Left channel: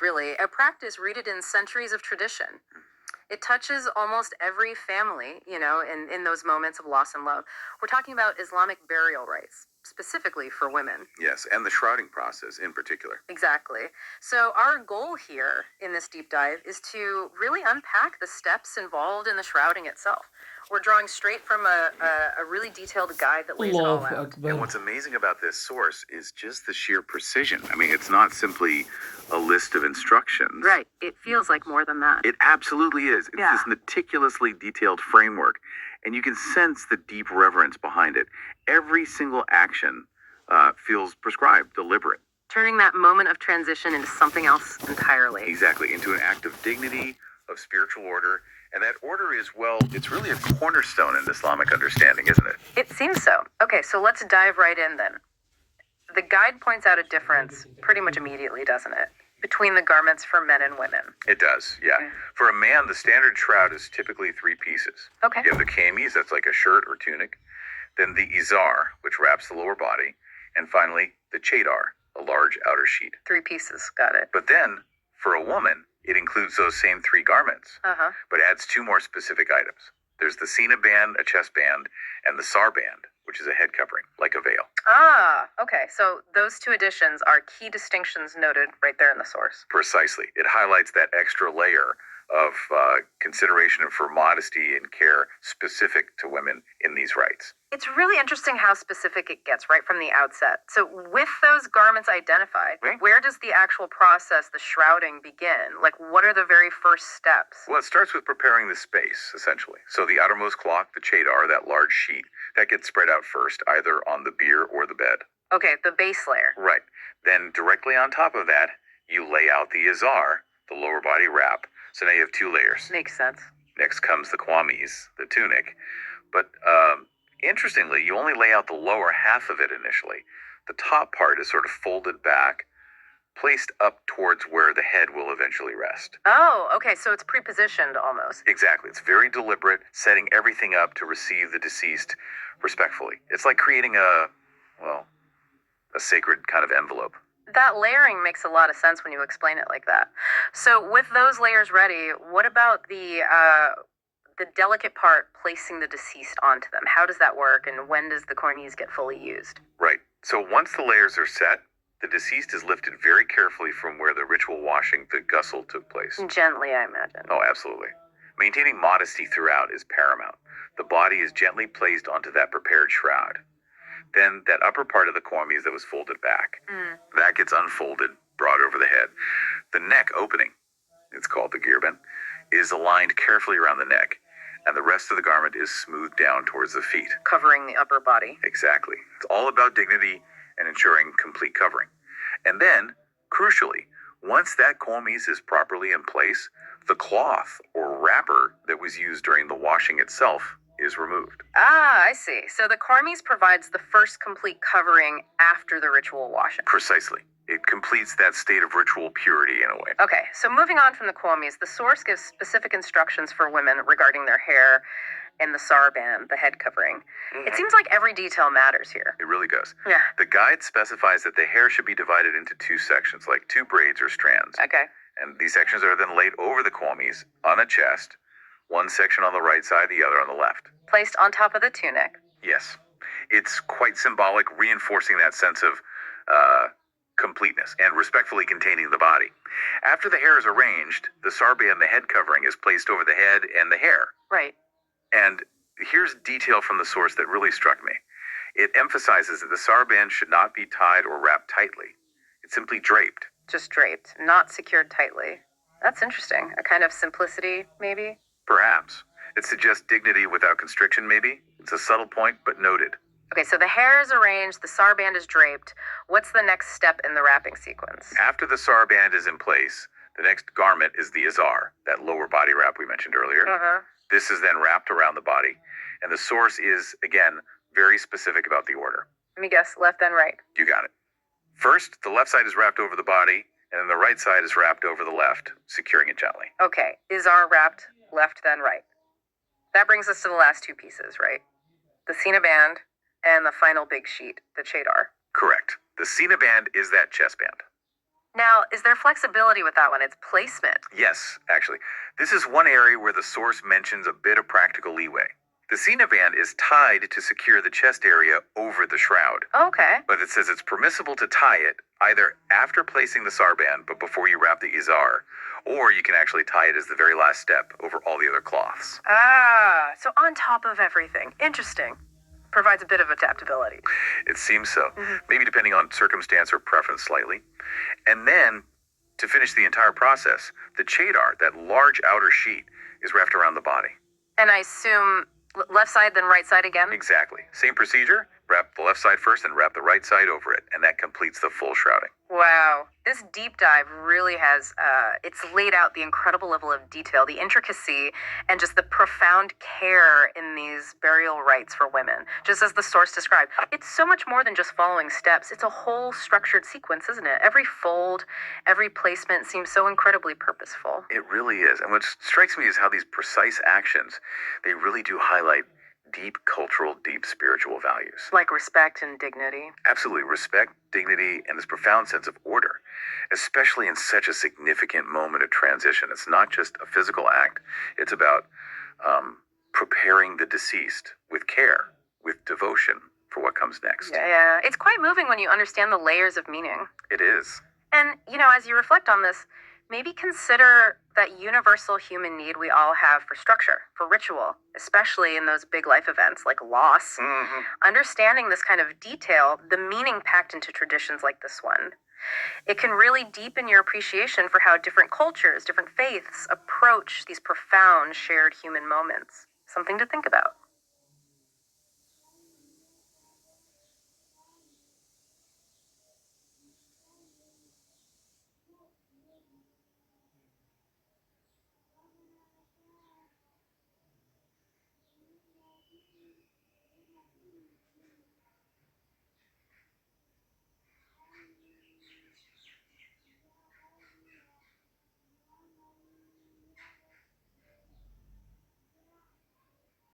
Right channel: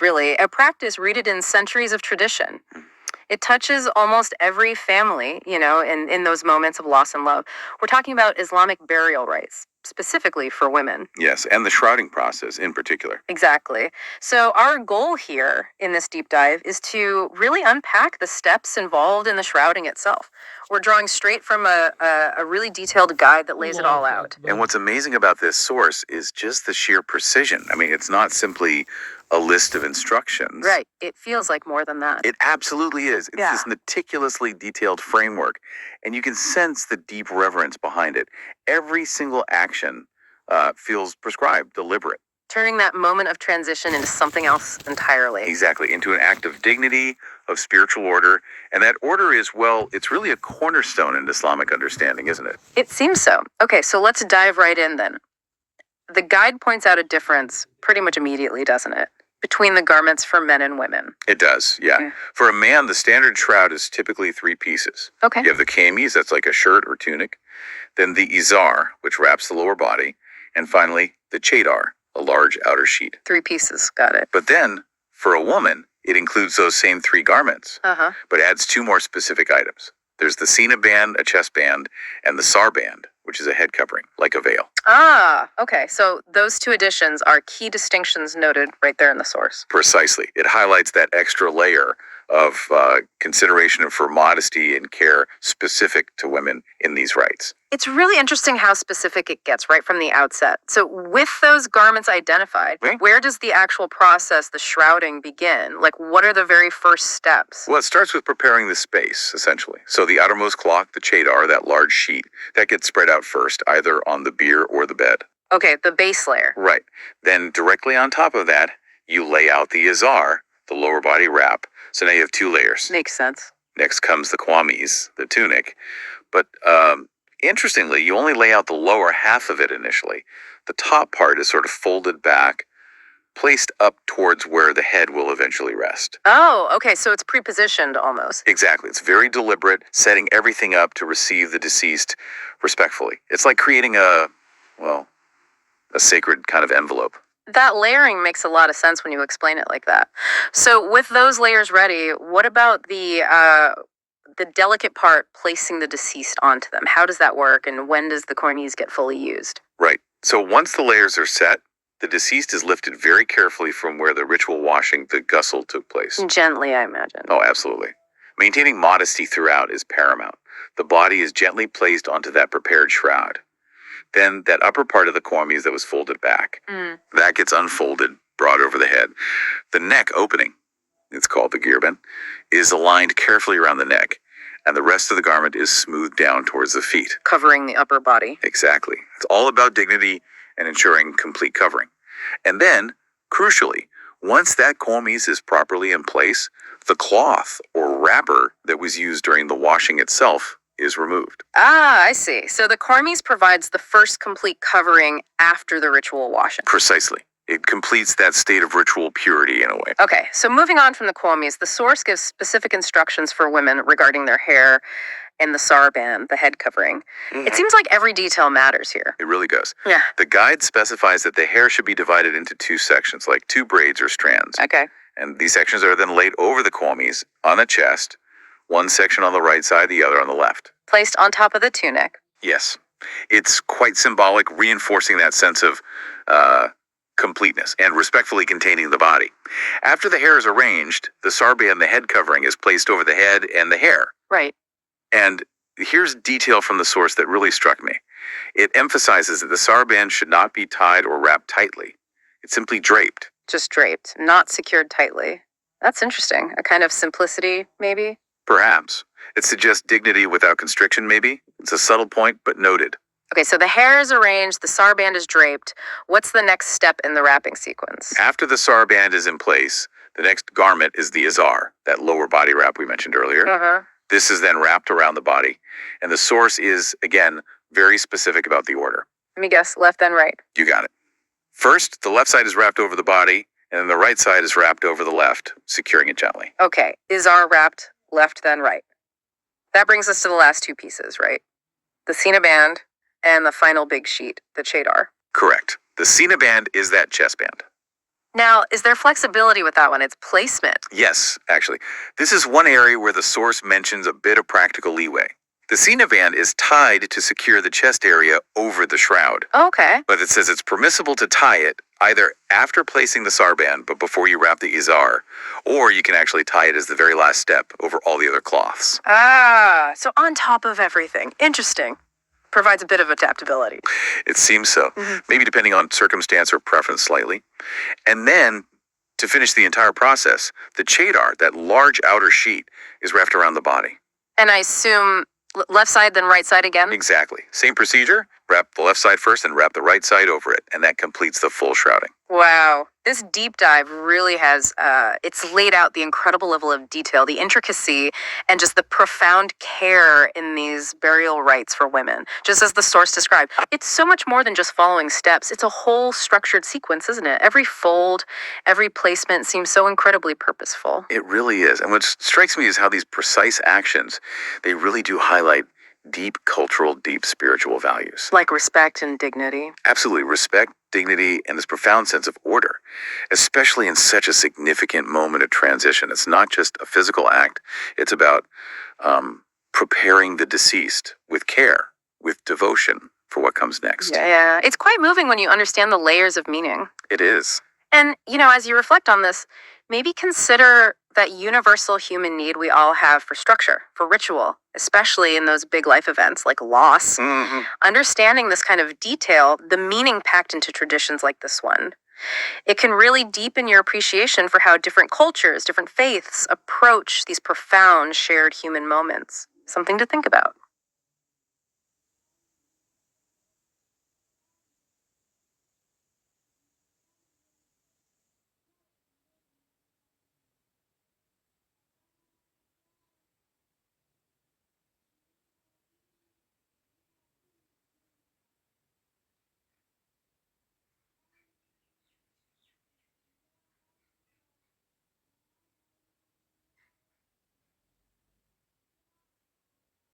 really, a practice rooted in centuries of tradition. It touches almost every family, in those moments of loss and love. We're talking about Islamic burial rites, specifically for women. Yes, and the shrouding process in particular. Exactly. So, our goal here in this deep dive is to really unpack the steps involved in the shrouding itself. We're drawing straight from a really detailed guide that lays it all Allahu out. Akbar. And what's amazing about this source is just the sheer precision. I mean, it's not simply a list of instructions. Right. It feels like more than that. It absolutely is. It's Yeah. this meticulously detailed framework, and you can sense the deep reverence behind it. Every single action feels prescribed, deliberate. Turning that moment of transition into something else entirely. Exactly, into an act of dignity, of spiritual order. And that order is, well, it's really a cornerstone in Islamic understanding, isn't it? It seems so. Okay, so let's dive right in then. The guide points out a difference pretty much immediately, doesn't it? Between the garments for men and women. It does, yeah. Okay. For a man, the standard shroud is typically 3 pieces. Okay. You have the kameez, that's like a shirt or tunic. Then the izar, which wraps the lower body. And finally, the chadar, a large outer sheet. 3 pieces. Got it. But then, for a woman, it includes those same 3 garments, Uh-huh. but adds 2 more specific items. There's the sina band, a chest band, and the sar band, which is a head covering, like a veil. Ah, okay. So those 2 additions are key distinctions noted right there in the source. Precisely. It highlights that extra layer of consideration for modesty and care specific to women in these rites. It's really interesting how specific it gets right from the outset. So with those garments identified, Right. where does the actual process, the shrouding, begin? Like, what are the very first steps? Well, it starts with preparing the space, essentially. So the outermost cloth, the chadar, that large sheet, that gets spread out first, either on the bier or the bed. Okay, the base layer. Right. Then directly on top of that, you lay out the izar, the lower body wrap. So now you have 2 layers. Makes sense. Next comes the kwamis, the tunic. But interestingly, you only lay out the lower half of it initially. The top part is sort of folded back, placed up towards where the head will eventually rest. Oh, okay. So it's prepositioned almost. Exactly. It's very deliberate, setting everything up to receive the deceased respectfully. It's like creating a sacred kind of envelope. That layering makes a lot of sense when you explain it like that. So with those layers ready, what about the delicate part, placing the deceased onto them? How does that work, and when does the cornice get fully used? Right. So once the layers are set, the deceased is lifted very carefully from where the ritual washing, the ghusl, took place. Gently, I imagine. Oh, absolutely. Maintaining modesty throughout is paramount. The body is gently placed onto that prepared shroud. Then that upper part of the kormes that was folded back, that gets unfolded, brought over the head. The neck opening, it's called the girban, is aligned carefully around the neck, and the rest of the garment is smoothed down towards the feet. Covering the upper body. Exactly. It's all about dignity and ensuring complete covering. And then, crucially, once that kormes is properly in place, the cloth or wrapper that was used during the washing itself is removed. Ah, I see. So the cornice provides the first complete covering after the ritual washing. Precisely. It completes that state of ritual purity in a way. Okay, so moving on from the cornice, the source gives specific instructions for women regarding their hair and the sarband, the head covering. It seems like every detail matters here. It really does. Yeah. The guide specifies that the hair should be divided into 2 sections, like 2 braids or strands. Okay. And these sections are then laid over the kormes on the chest, one section on the right side, the other on the left. Placed on top of the tunic. Yes. It's quite symbolic, reinforcing that sense of completeness and respectfully containing the body. After the hair is arranged, the sarband, the head covering, is placed over the head and the hair. Right. And here's detail from the source that really struck me. It emphasizes that the sarband should not be tied or wrapped tightly. It's simply draped. Just draped, not secured tightly. That's interesting. A kind of simplicity, maybe? Perhaps. It suggests dignity without constriction, maybe. It's a subtle point, but noted. Okay, so the hair is arranged, the sarband is draped. What's the next step in the wrapping sequence? After the sarband is in place, the next garment is the izar, that lower body wrap we mentioned earlier. Uh-huh. This is then wrapped around the body, and the source is, again, very specific about the order. Let me guess, left then right. You got it. First, the left side is wrapped over the body, and then the right side is wrapped over the left, securing it gently. Okay, izar wrapped, left then right. That brings us to the last 2 pieces, right? The sina band and the final big sheet, the chadar. Correct. The sina band is that chest band. Now, is there flexibility with that one? It's placement. Yes, actually. This is one area where the source mentions a bit of practical leeway. The Cena band is tied to secure the chest area over the shroud, Okay. but it says it's permissible to tie it either after placing the sarband but before you wrap the izar, or you can actually tie it as the very last step over all the other cloths. Ah, so on top of everything. Interesting. Provides a bit of adaptability. It seems so, maybe depending on circumstance or preference slightly. And then, to finish the entire process, the chadar, that large outer sheet, is wrapped around the body. And I assume left side, then right side again? Exactly. Same procedure. Wrap the left side first and wrap the right side over it, and that completes the full shrouding. Wow. This deep dive really has, it's laid out the incredible level of detail, the intricacy, and just the profound care in these burial rites for women. Just as the source described, it's so much more than just following steps. It's a whole structured sequence, isn't it? Every fold, every placement seems so incredibly purposeful. It really is. And what strikes me is how these precise actions, they really do highlight deep cultural, deep spiritual values. Like respect and dignity. Absolutely. Respect, dignity, and this profound sense of order, especially in such a significant moment of transition. It's not just a physical act, it's about preparing the deceased with care, with devotion for what comes next. Yeah. It's quite moving when you understand the layers of meaning. It is. And, as you reflect on this, maybe consider that universal human need we all have for structure, for ritual, especially in those big life events like loss. Understanding this kind of detail, the meaning packed into traditions like this one, it can really deepen your appreciation for how different cultures, different faiths approach these profound shared human moments. Something to think about.